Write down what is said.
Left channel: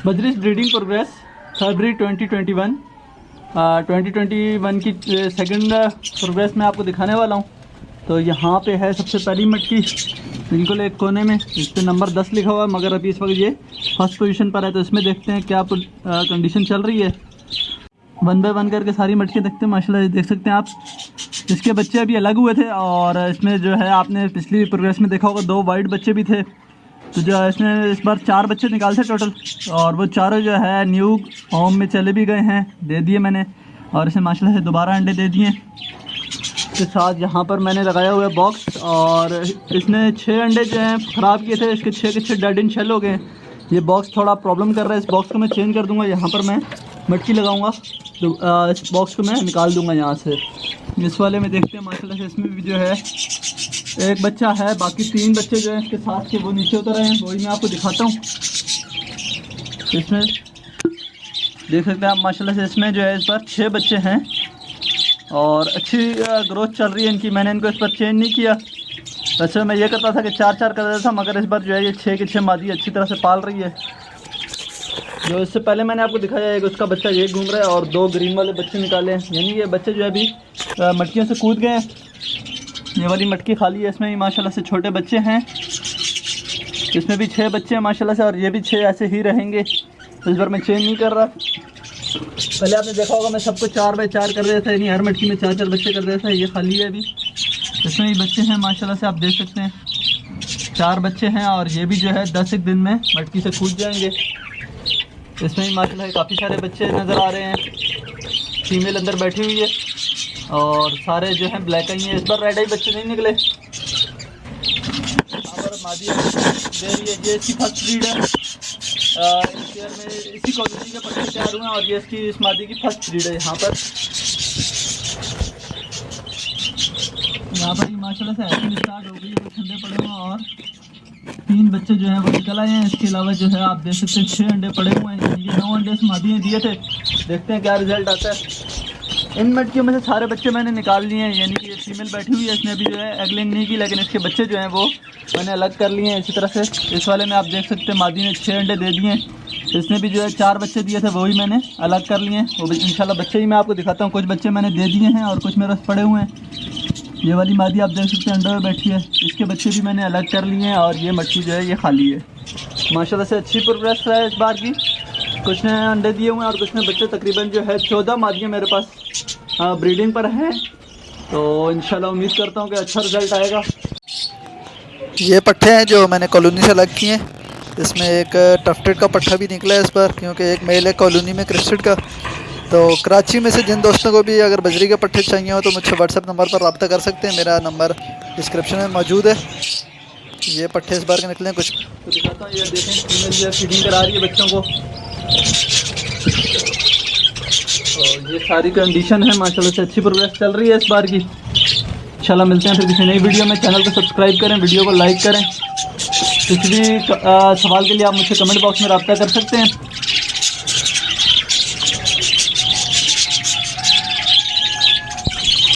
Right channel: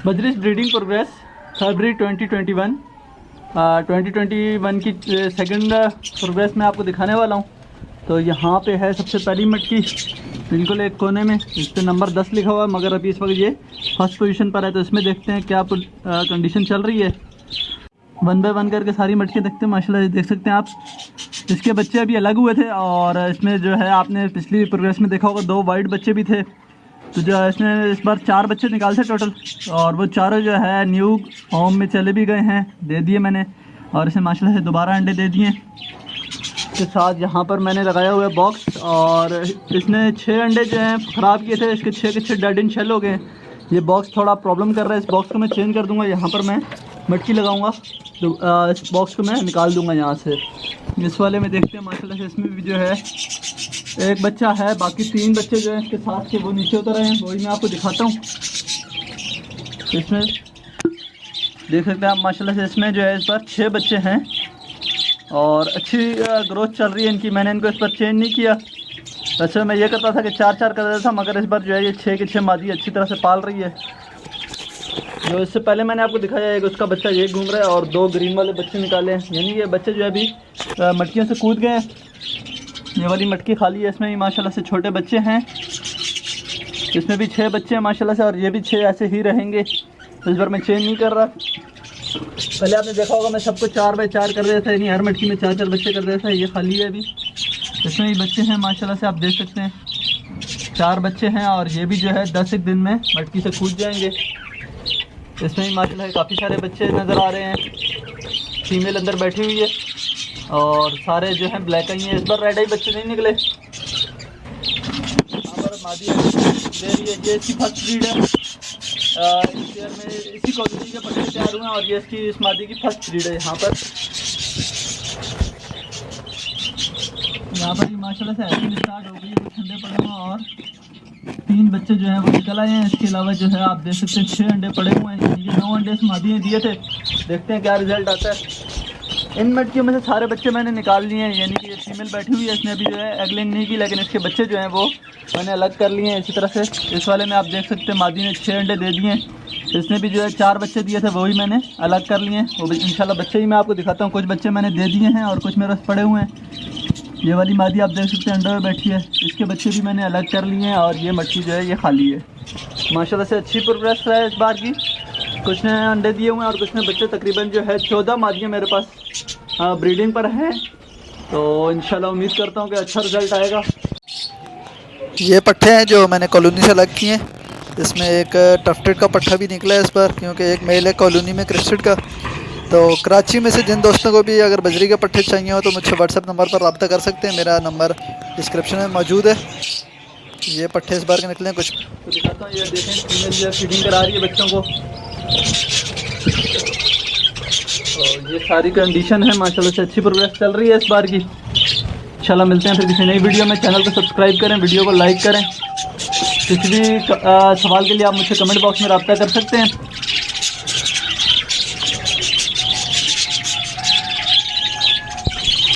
बजरिश breeding progress फरवरी 2021 2021 की second progress में आपको दिखाने वाला हूँ। तो यहाँ पे है सबसे पहली मटकी, बिल्कुल एक कोने में, इस पर नंबर 10 लिखा हुआ है, मगर अभी इस वक्त ये फर्स्ट पोजीशन पर है। तो इसमें देखते हैं क्या कंडीशन चल रही है। वन बाय वन करके सारी मटकी देखते हैं। माशाल्लाह देख सकते हैं आप, इसके बच्चे अभी अलग हुए थे और इसमें जो है आपने पिछली प्रोग्रेस में देखा होगा 2 वाइट बच्चे भी थे। तो जो है इसने इस बार 4 बच्चे निकाल थे टोटल, और वो चारों जो है न्यू होम में चले भी गए हैं, दे दिए मैंने। और इसे माशाल्लाह से दोबारा अंडे दे दिए। इसके साथ यहाँ पर मैंने लगाया हुआ है बॉक्स, और इसने 6 अंडे जो हैं ख़राब किए थे, इसके 6 के 6 डेड इन शेल हो गए। ये बॉक्स थोड़ा प्रॉब्लम कर रहा है, इस बॉक्स को मैं चेंज कर दूँगा। यहाँ पर मैं मटकी लगाऊँगा तो इस बॉक्स को मैं निकाल दूँगा यहाँ से। इस वाले में देखते हैं माशाल्लाह से इसमें भी जो है एक बच्चा है, बाकी 3 बच्चे जो हैं इसके साथ के वो नीचे उतर रहे हैं, वही मैं आपको दिखाता हूँ। इसमें देख सकते हैं आप माशाल्लाह से, इसमें जो है इस पर 6 बच्चे हैं और अच्छी ग्रोथ चल रही है इनकी। मैंने इनको इस पर चेंज नहीं किया। वैसे मैं ये करता था कि 4-4 कर देता था, मगर इस बार जो है ये 6 के 6 मादी अच्छी तरह से पाल रही है। जो इससे पहले मैंने आपको दिखाया है कि उसका बच्चा ये घूम रहा है और 2 ग्रीन वाले बच्चे निकाले हैं, यानी ये बच्चे जो है अभी मटकियों से कूद गए हैं। ये वाली मटकी खाली है, इसमें भी माशाल्लाह से छोटे बच्चे हैं। इसमें भी 6 बच्चे हैं माशाल्लाह से, और ये भी 6 ऐसे ही रहेंगे। तो इस बार मैं चेंज नहीं कर रहा। पहले आपने देखा होगा मैं सबको 4 बाय 4 कर देता था, यानी हर मटकी में 4-4 बच्चे कर देता था। ये खाली है अभी, इसमें भी बच्चे हैं माशाल्लाह से, आप देख सकते हैं 4 बच्चे हैं, और ये भी जो है 10 एक दिन में मटकी से कूद जाएंगे। इसमें भी माशाल्लाह काफ़ी सारे बच्चे नज़र आ रहे हैं। फीमेल अंदर बैठी हुई है और सारे जो हैं ब्लैक आई हैं। इस बार रेड आई बच्चे नहीं निकले। यहाँ पर मादी दे रही है, ये इसकी फर्स्ट ब्रीड है। इस ईयर में इसी कॉलोनी के बच्चे तैयार हुए हैं, और ये इसकी इस मादी की फर्स्ट ब्रीड है। यहाँ पर माशाल्लाह से एक्शन स्टार्ट हो गई है, कुछ ठंडे पड़े हुए और 3 बच्चे जो हैं वो निकल आए हैं। इसके अलावा जो है आप देख सकते हैं 6 अंडे पड़े हुए हैं, ये 9 अंडे इस मादी ने दिए थे। देखते हैं क्या रिजल्ट आता है। इन मटकियों में से सारे बच्चे मैंने निकाल लिए हैं, यानी कि ये फीमेल बैठी हुई है, इसने अभी जो है एग लेइंग नहीं की, लेकिन इसके बच्चे जो हैं वो मैंने अलग कर लिए हैं इसी तरह से। इस वाले में आप देख सकते हैं मादी ने 6 अंडे दे दिए हैं। इसने भी जो है 4 बच्चे दिए थे, वही मैंने अलग कर लिए हैं। वो भी इंशाल्लाह बच्चे ही मैं आपको दिखाता हूँ। कुछ बच्चे मैंने दे दिए हैं और कुछ मेरे पास पड़े हुए हैं। ये वाली मादी आप देख सकते हैं अंडे में बैठी है, इसके बच्चे भी मैंने अलग कर लिए हैं, और ये मटकी जो है ये खाली है। माशाल्लाह से अच्छी प्रोग्रेस है इस बार की। कुछ ने अंडे दिए हुए हैं और कुछ ने बच्चे, तकरीबन जो है 14 मादियाँ मेरे पास ब्रीडिंग पर हैं। तो इंशाल्लाह उम्मीद करता हूँ कि अच्छा रिजल्ट आएगा। ये पट्ठे हैं जो मैंने कॉलोनी से अलग किए हैं। इसमें एक टफ्टेड का पट्ठा भी निकला है इस बार, क्योंकि एक मेल है कॉलोनी में क्रिस्टेड का। तो कराची में से जिन दोस्तों को भी अगर बजरी के पट्ठे चाहिए हो तो मुझसे व्हाट्सएप नंबर पर रब्ता कर सकते हैं। मेरा नंबर डिस्क्रिप्शन में मौजूद है। ये पट्ठे इस बार के निकले हैं कुछ। तो दिखाता हूँ, ये देखें फीमेल जो है फीडिंग करा रही है बच्चों को। तो ये सारी कंडीशन है, माशाल्लाह से अच्छी प्रोग्रेस चल रही है इस बार की। इंशाल्लाह मिलते हैं फिर किसी नई वीडियो में। चैनल को सब्सक्राइब करें, वीडियो को लाइक करें। किसी भी सवाल के लिए आप मुझसे कमेंट बॉक्स में रब्ता कर सकते हैं।